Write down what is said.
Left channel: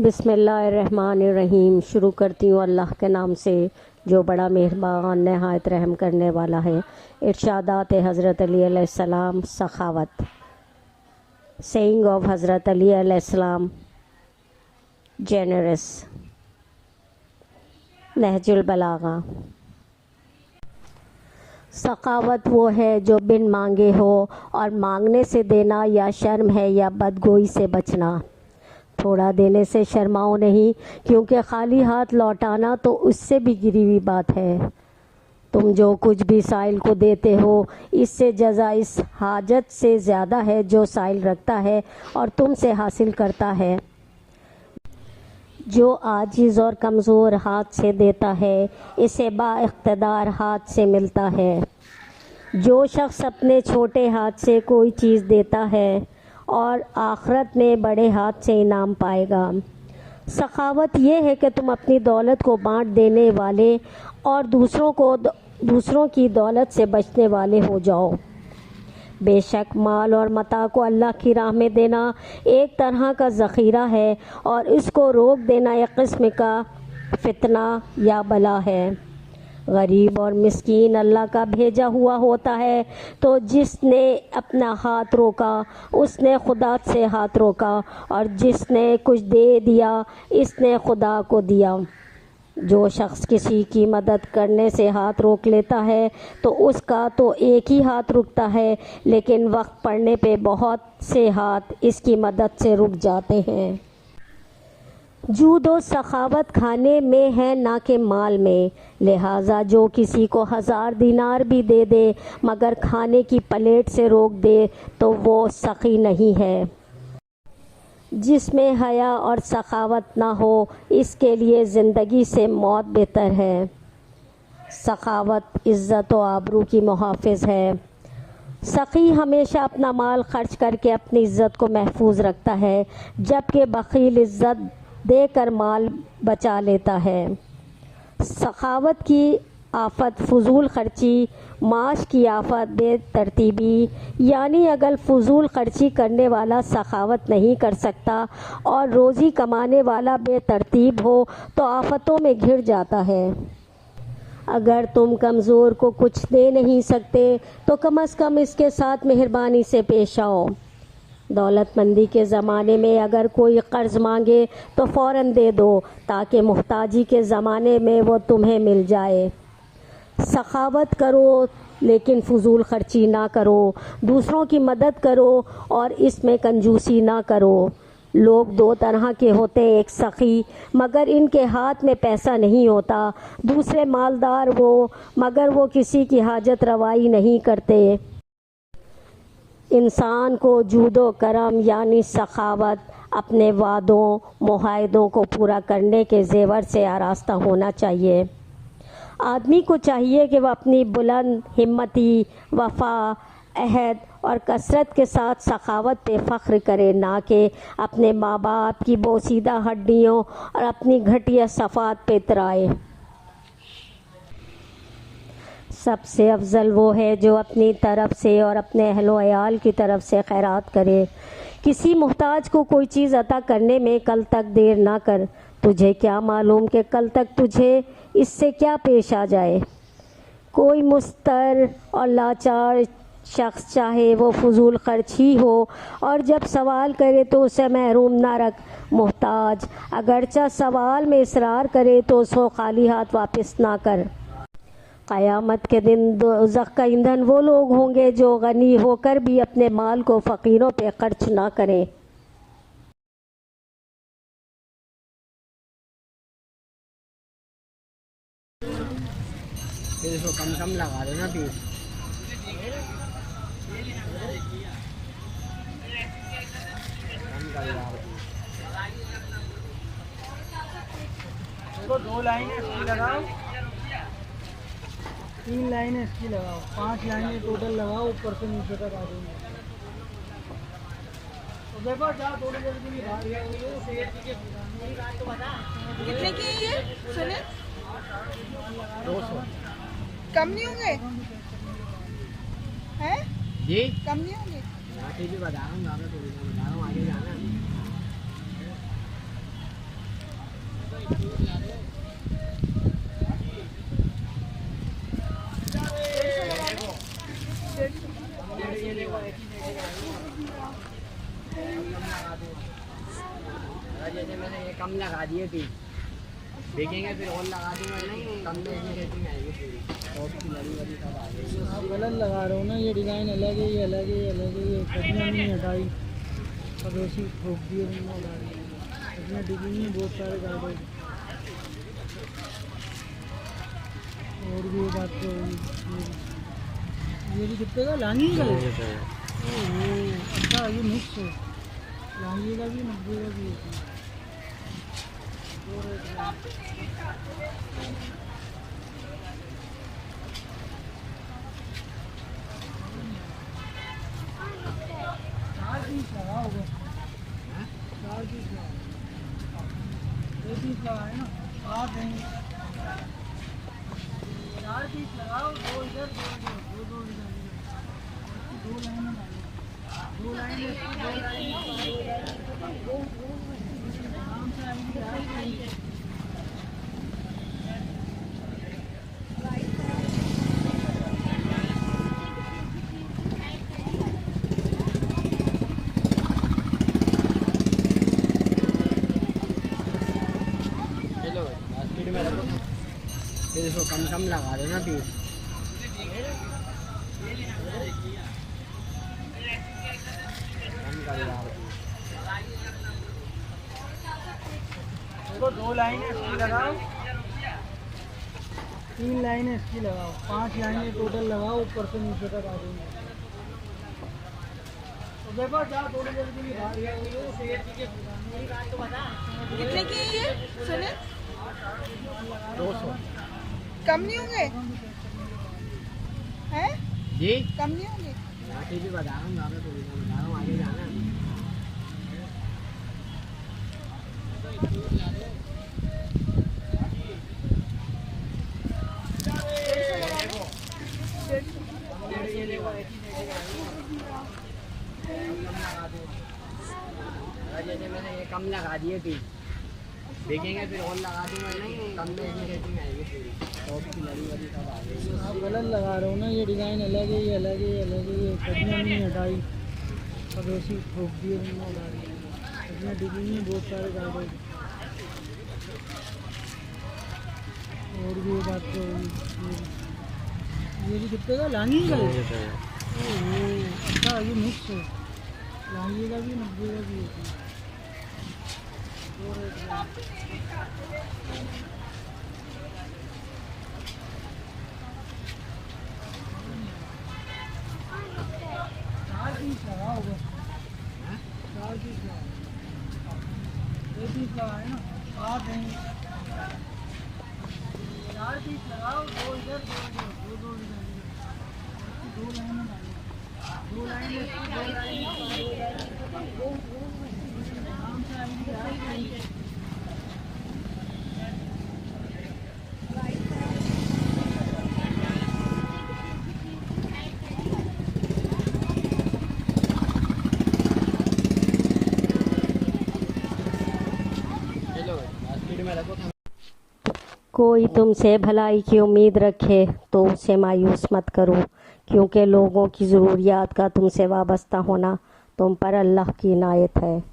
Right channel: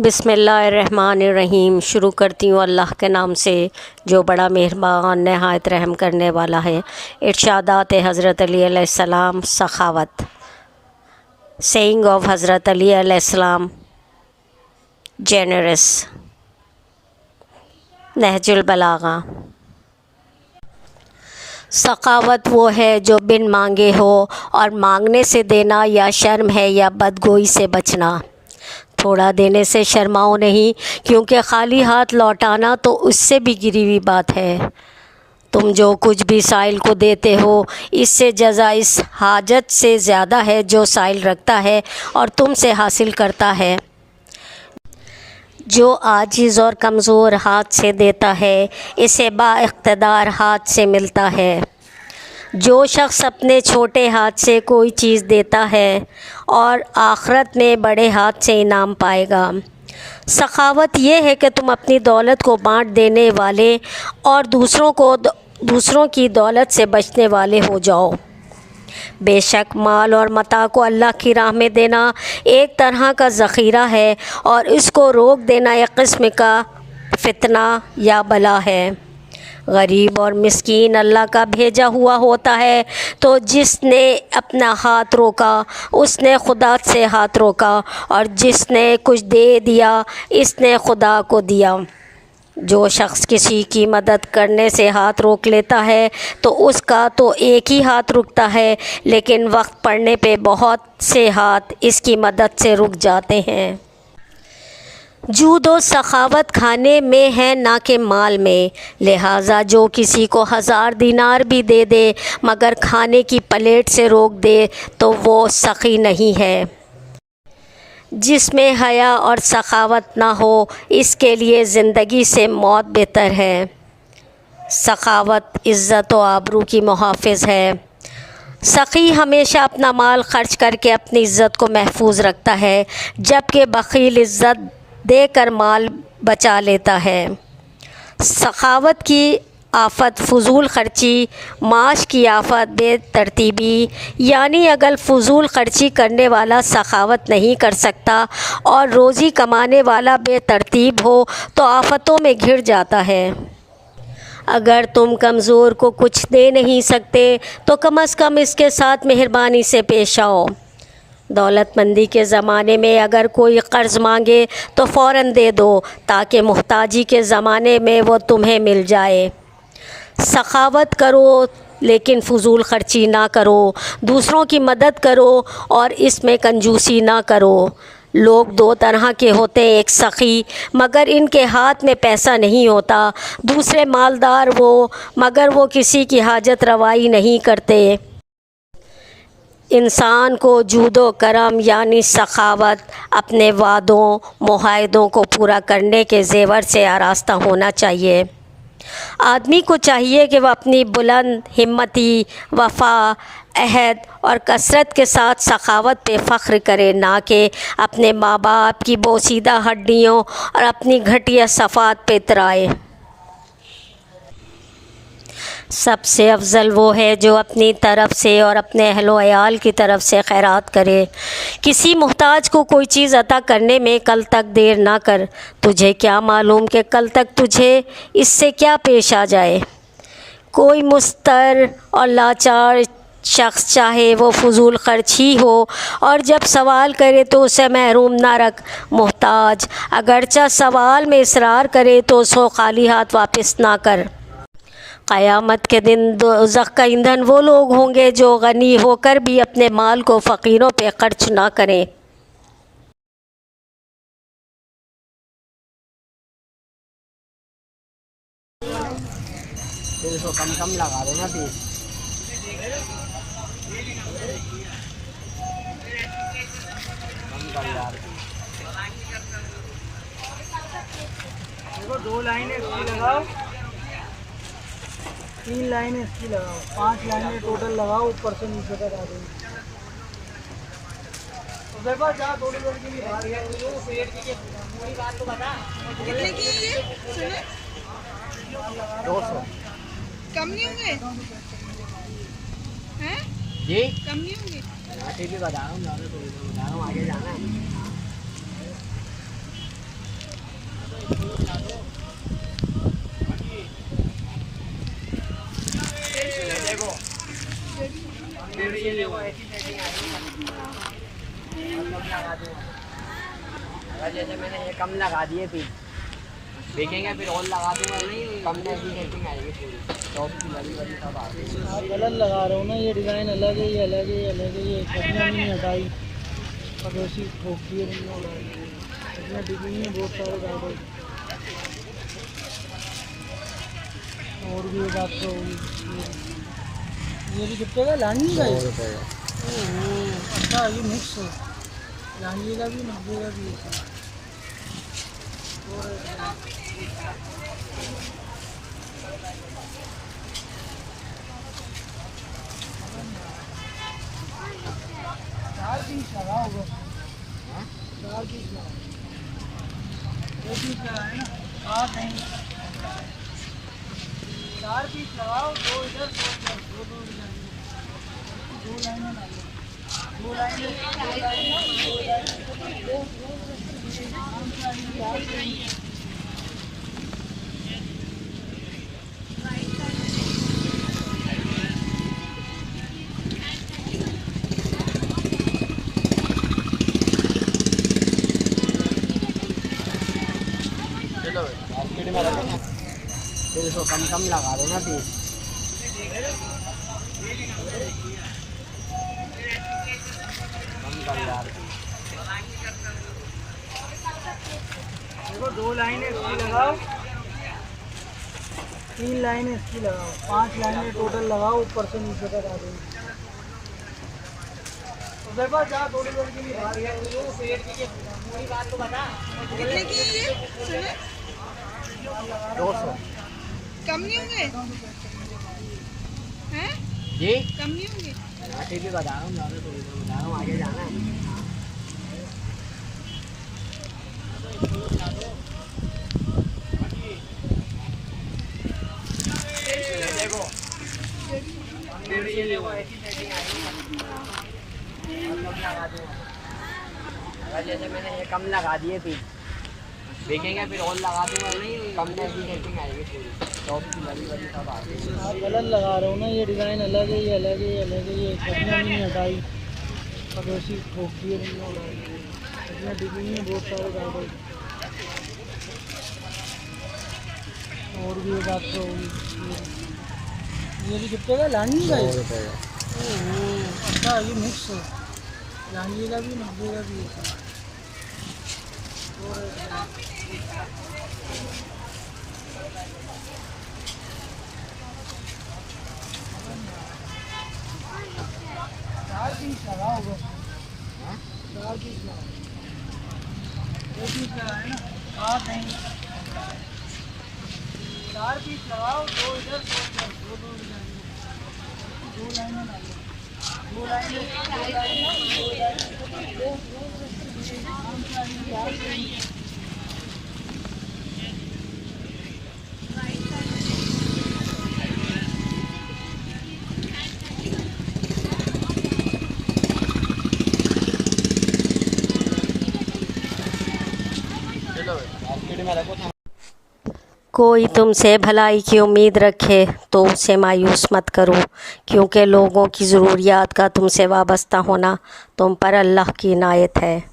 बिस्मिल्लाहिर्रहमानिर्रहीम। शुरू करती हूँ अल्लाह के नाम से जो बड़ा मेहरबान नहायत रहम करने वाला है। इरशादात हज़रत अली अलैहिस्सलाम सखावत। सेइंग ऑफ हज़रत अली अलैहिस्सलाम जेनरस। नहजुल बलागा। सखावत वो है जो बिन मांगे हो और मांगने से देना या शर्म है या बदगोई से बचना। थोड़ा देने से शर्माओ नहीं, क्योंकि खाली हाथ लौटाना तो उससे भी गिरी हुई बात है। तुम जो कुछ भी साइल को देते हो, इससे जज़ा इस हाजत से ज़्यादा है जो साइल रखता है और तुमसे हासिल करता है। जो आजिज़ और कमज़ोर हाथ से देता है, इसे बाइख्तिदार हाथ से मिलता है। जो शख्स अपने छोटे हाथ से कोई चीज़ देता है और आखिरत में बड़े हाथ से इनाम पाएगा। सखावत ये है कि तुम अपनी दौलत को बांट देने वाले और दूसरों की दौलत से बचने वाले हो जाओ। बेशक माल और मता को अल्लाह की राह में देना एक तरह का ज़ख़ीरा है और इसको रोक देना एक किस्म का फितना या बला है। गरीब और मिस्कीन अल्लाह का भेजा हुआ होता है, तो जिसने अपना हाथ रोका उसने खुदा से हाथ रोका, और जिसने कुछ दे दिया इसने खुदा को दिया। जो शख्स किसी की मदद करने से हाथ रोक लेता है तो उसका तो एक ही हाथ रुकता है, लेकिन वक्त पड़ने पे बहुत से हाथ इसकी मदद से रुक जाते हैं। जूद व सखावत खाने में है ना कि माल में, लिहाजा जो किसी को 1000 दिनार भी दे दे मगर खाने की प्लेट से रोक दे तो वो सखी नहीं है। जिसमें हया और सखावत ना हो, इसके लिए ज़िंदगी से मौत बेहतर है। सखावत इज़्ज़त व आबरू की मुहाफ़िज़ है। सखी हमेशा अपना माल खर्च करके अपनी इज़्ज़त को महफूज रखता है, जबकि बख़ील इज़्ज़त देकर माल बचा लेता है। सखावत की आफ़त फ़ुज़ूल ख़र्ची, माश की आफ़त बेतरतीबी। यानी अगर फ़ुज़ूल ख़र्ची करने वाला सखावत नहीं कर सकता और रोज़ी कमाने वाला बेतरतीब हो तो आफ़तों में घिर जाता है। अगर तुम कमज़ोर को कुछ दे नहीं सकते तो कम अज़ कम इसके साथ मेहरबानी से पेश आओ। दौलतमंदी के ज़माने में अगर कोई क़र्ज़ मांगे तो फ़ौरन दे दो, ताकि मुहताजी के ज़माने में वो तुम्हें मिल जाए। सखावत करो लेकिन फ़ुज़ूल ख़र्ची ना करो। दूसरों की मदद करो और इसमें कंजूसी ना करो। लोग दो तरह के होते हैं, एक सखी मगर इनके हाथ में पैसा नहीं होता, दूसरे मालदार वो मगर वो किसी की हाजत रवाई नहीं करते। इंसान को जूदो करम यानी सखावत अपने वादों मुआहदों को पूरा करने के ज़ेवर से आरास्ता होना चाहिए। आदमी को चाहिए कि वह अपनी बुलंद हिम्मती, वफ़ा, अहद और कसरत के साथ सखावत पे फ़ख्र करे, ना कि अपने माँ बाप की बोसीदा हड्डियों और अपनी घटिया सफ़ात पे इतराए। सबसे अफजल वो है जो अपनी तरफ़ से और अपने अहलो अयाल की तरफ़ से खैरात करे। किसी मुहताज को कोई चीज़ अता करने में कल तक देर ना कर। तुझे क्या मालूम कि कल तक तुझे इससे क्या पेश आ जाए। कोई मुस्तर और लाचार शख्स चाहे वो फ़ुज़ूल ख़र्च ही हो और जब सवाल करे तो उसे महरूम ना रख। मुहताज अगरचा सवाल में इसरार करे तो उसको खाली हाथ वापस ना कर। क़यामत के दिन दोज़ख का ईंधन वो लोग होंगे जो गनी होकर भी अपने माल को फ़कीरों पे खर्च ना करें। कम लगा दो ना तू। देखो 2 लाइनें इसकी लगाओ, 3 लाइनें इसकी लगाओ, 5 लाइनें टोटल लगाओ, ऊपर से नीचे तक आ जाएगी। देखो जा दोनों लोग की कितने की है ये? सुनिए 200 कम नहीं होंगे हैं? जी कम नहीं होंगे? ठीक है बता रहा हूँ, ज़्यादा तो बता रहा हूँ, आगे जाना है। जैसे मैंने ये कम लगा दिए थी, देखेंगे फिर और लगा दूंगा, नहीं कम जैसी सेटिंग आएगी पूरी टॉप की वाली वाली सब आ गई। आप गलत लगा रहे हो ना, ये डिज़ाइन अलग है, ये अलग है, ये अलग है, ये कटियाँ नहीं हटाई और वैसी ठोक दिए बंदा गाड़ी। इसमें डिज़ाइन में बहुत सारे गाड़ी और भी एक बात तो ये भी कितने का लांगी का है? अच्छा ये मिक्स है, लांगी का भी 90 का भी है। चार पीस लगा होगा, चार पीस लगा, दो पीस लगा है ना, सात नहीं, चार पीस लगाओ, दो इधर दो इधर, दो इधर, दो लाइनें डालो, दो लाइनें, दो लाइनें, फिर इसको कम कम लगा दो ना तू। देखो दो लाइनें इसकी लगाओ, तीन लाइनें इसकी लगाओ, 5 लाइनें टोटल लगाओ, ऊपर से नीचे तक आ जाएंगी। देखो जा थोड़ी देर के लिए बाहर गया, वो पेड़ की पूरी बात तो बता। कितने की है ये सुने? 200 कम नहीं होंगे हैं? जी, कम नहीं होंगे? यहाँ से भी बता रहा हूँ, ज़्यादा थोड़ी सा बता रहा हूँ, आगे जाना है। जैसे मैंने ये कम लगा दिए थी, देखेंगे फिर और लगा दूंगा, नहीं कम जैसी सेटिंग आएगी पूरी टॉप की वाली वाली सब आ गई। आप गलत लगा रहे हो ना, ये डिज़ाइन अलग है, ये अलग है, ये अलग है, ये कटियाँ नहीं हटाई और वैसी ठोक दिए बंदा गाड़ी। इसमें डिज़ाइन में बहुत सारे गाड़ी और भी एक बात तो ये भी कितने का लांगी का है? अच्छा ये मिक्स है, लांगी का भी 90 का भी है। चार पीस लगा होगा, चार पीस लगा, दो पीस लगा है ना, सात नहीं, चार पीस लगाओ, दो इधर दो इधर, दो इधर, दो लाइनें डालो, दो लाइनें, दो लाइनें, कोई तुमसे भलाई की उम्मीद रखे तो उसे मायूस मत करो, क्योंकि लोगों की ज़रूरियात का तुमसे वाबस्ता होना तुम पर अल्लाह की इनायत है।